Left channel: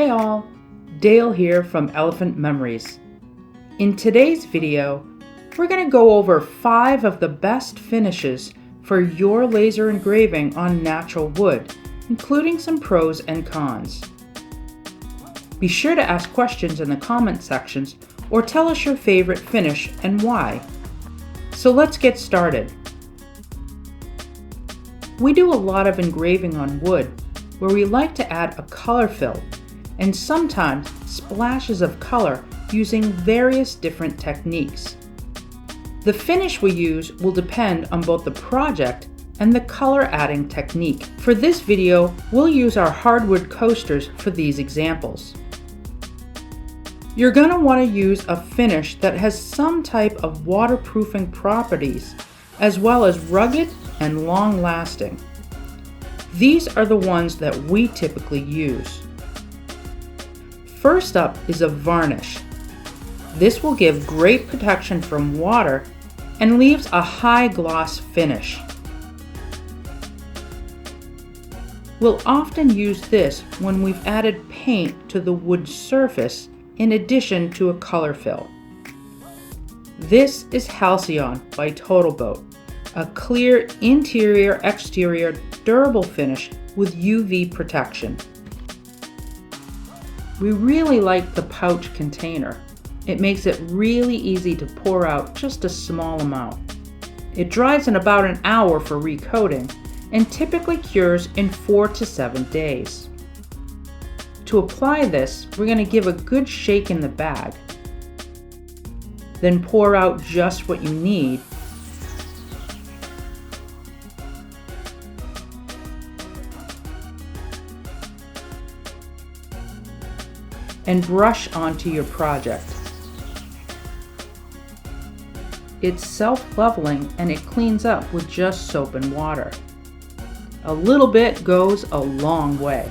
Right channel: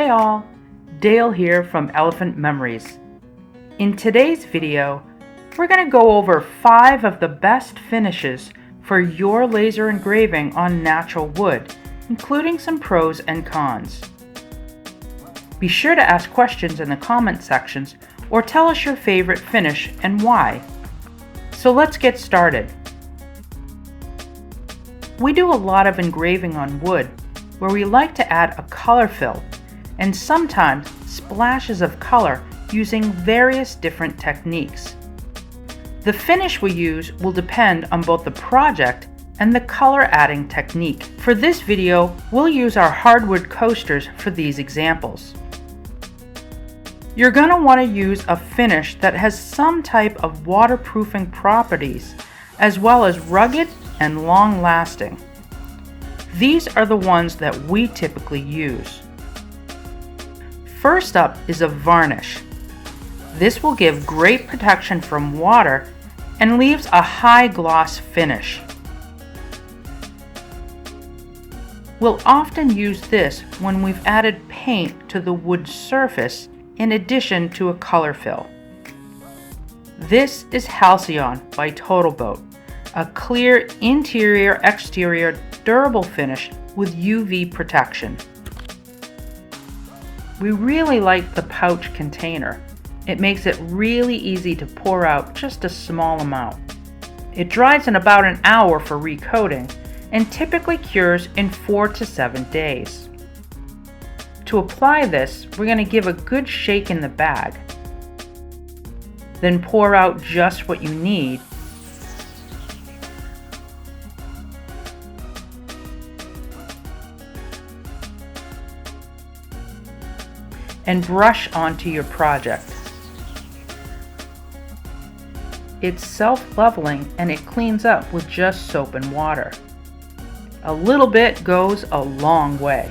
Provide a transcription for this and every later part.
Hey all, Dale here from Elephant Memories. In today's video, we're going to go over 5 of the best finishes for your laser engraving on natural wood, including some pros and cons. Be sure to ask questions in the comment sections or tell us your favorite finish and why. So let's get started. We do a lot of engraving on wood where we like to add a color fill and sometimes splashes of color using various different techniques. The finish we use will depend on both the project and the color adding technique. For this video, we'll use our hardwood coasters for these examples. You're going to want to use a finish that has some type of waterproofing properties, as well as rugged and long-lasting. These are the ones that we typically use. First up is a varnish. This will give great protection from water and leaves a high gloss finish. We'll often use this when we've added paint to the wood surface in addition to a color fill. This is Halcyon by TotalBoat, a clear interior-exterior durable finish with UV protection. We really like the pouch container. It makes it really easy to pour out just a small amount. It dries in about an hour for recoating and typically cures in 4 to 7 days. To apply this, we're going to give a good shake in the bag. Then pour out just what you need. And brush onto your project. It's self-leveling and it cleans up with just soap and water. A little bit goes a long way.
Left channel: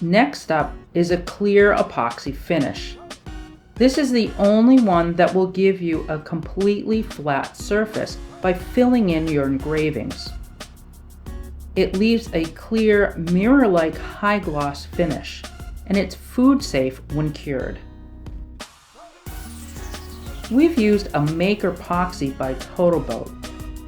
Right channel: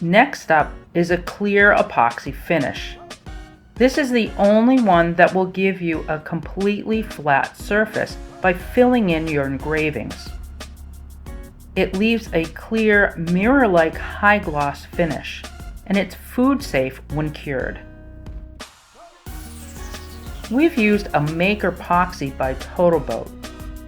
Next up is a clear epoxy finish. This is the only one that will give you a completely flat surface by filling in your engravings. It leaves a clear, mirror-like high gloss finish, and it's food safe when cured. We've used a Maker Epoxy by TotalBoat.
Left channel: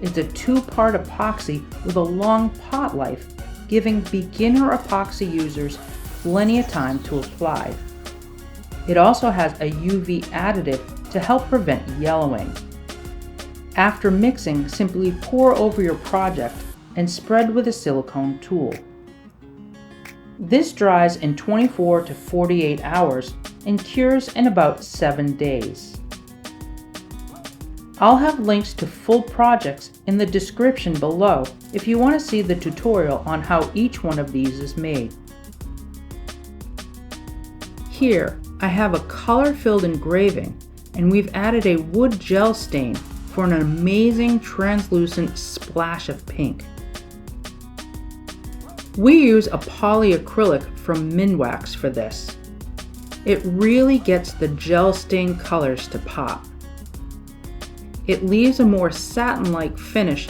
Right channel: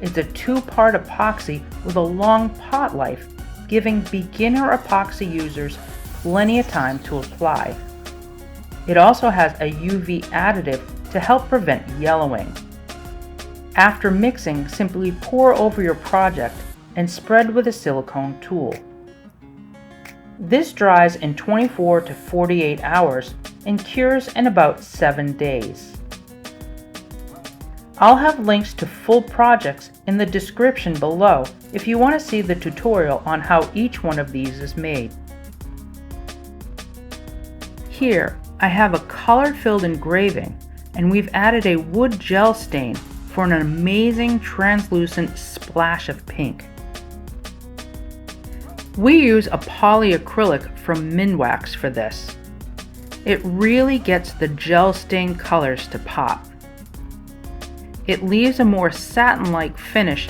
It's a 2-part epoxy with a long pot life, giving beginner epoxy users plenty of time to apply. It also has a UV additive to help prevent yellowing. After mixing, simply pour over your project and spread with a silicone tool. This dries in 24 to 48 hours and cures in about 7 days. I'll have links to full projects in the description below if you want to see the tutorial on how each one of these is made. Here, I have a color-filled engraving, and we've added a wood gel stain for an amazing translucent splash of pink. We use a polyacrylic from Minwax for this. It really gets the gel stain colors to pop. It leaves a more satin-like finish.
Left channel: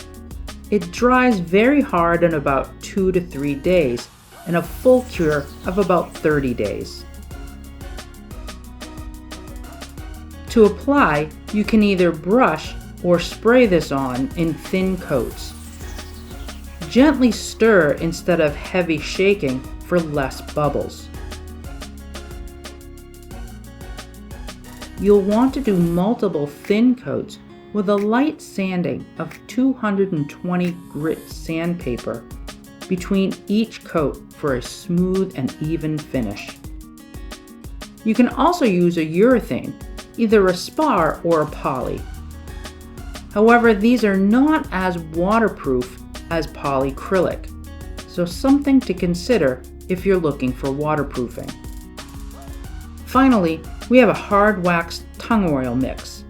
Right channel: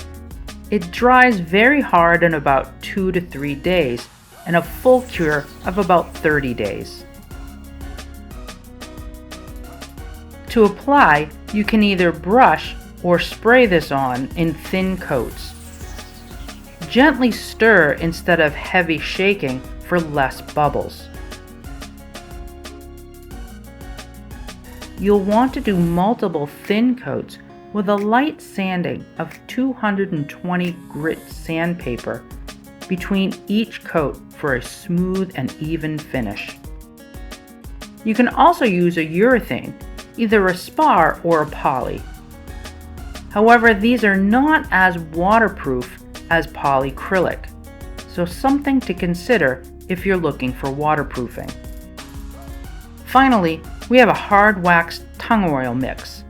It dries very hard in about 2 to 3 days and a full cure of about 30 days. To apply, you can either brush or spray this on in thin coats. Gently stir instead of heavy shaking for less bubbles. You'll want to do multiple thin coats with a light sanding of 220 grit sandpaper between each coat for a smooth and even finish. You can also use a urethane, either a Spar or a poly. However, these are not as waterproof as polyacrylic, so something to consider if you're looking for waterproofing. Finally, we have a hard wax tung oil mix.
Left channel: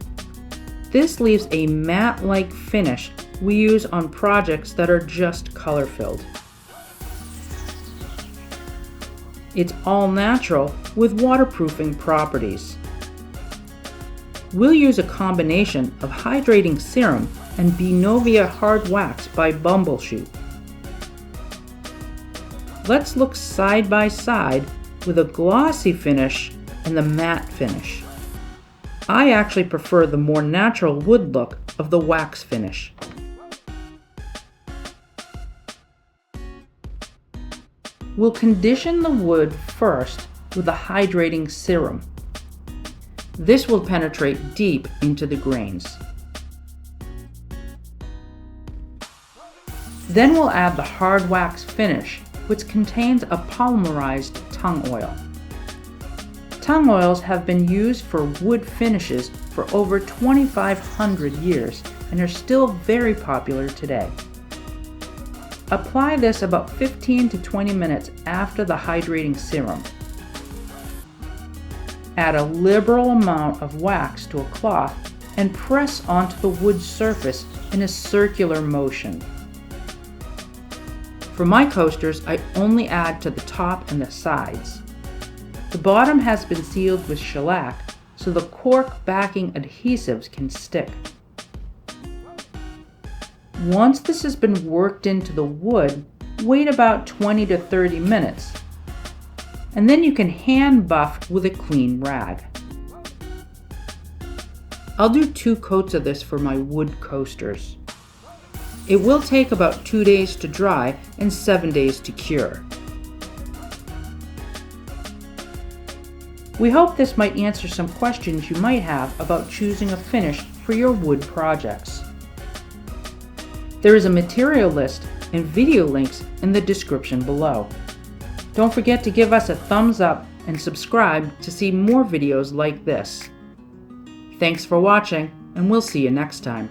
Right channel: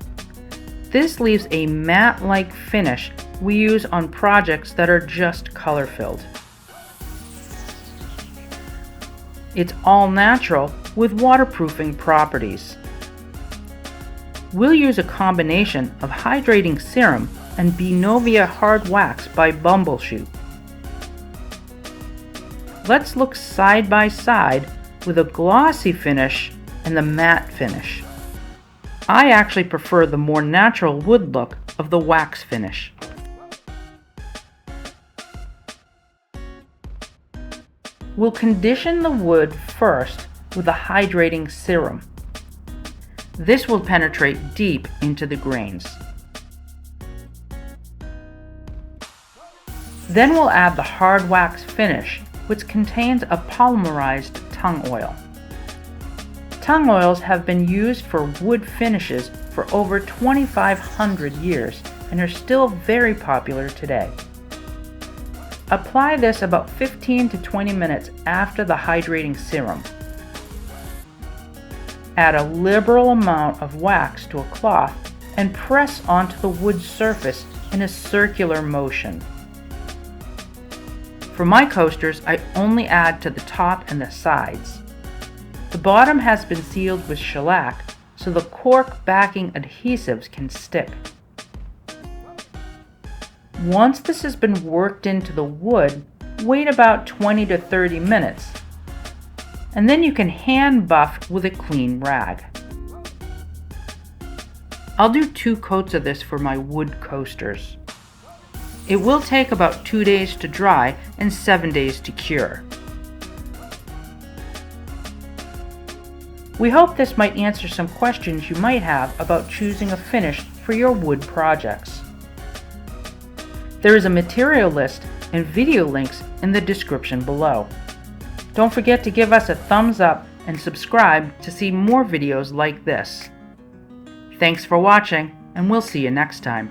This leaves a matte-like finish we use on projects that are just color-filled. It's all natural with waterproofing properties. We'll use a combination of hydrating serum and Benovia hard wax by Bumbleshoot. let's look side by side with a glossy finish and the matte finish. I actually prefer the more natural wood look of the wax finish. We'll condition the wood first with a hydrating serum. This will penetrate deep into the grains. Then we'll add the hard wax finish, which contains a polymerized tung oil. Tung oils have been used for wood finishes for over 2,500 years and are still very popular today. Apply this about 15 to 20 minutes after the hydrating serum. Add a liberal amount of wax to a cloth and press onto the wood surface in a circular motion. For my coasters, I only add to the top and the sides. The bottom has been sealed with shellac so the cork backing adhesives can stick. Once this has been worked into the wood, wait about 20 to 30 minutes, and then you can hand buff with a clean rag. I'll do 2 coats of this for my wood coasters. It will take about 2 days to dry and 7 days to cure. We hope this might answer some questions you might have about choosing a finish for your wood projects. There is a material list and video links in the description below. Don't forget to give us a thumbs up and subscribe to see more videos like this. Thanks for watching, and we'll see you next time.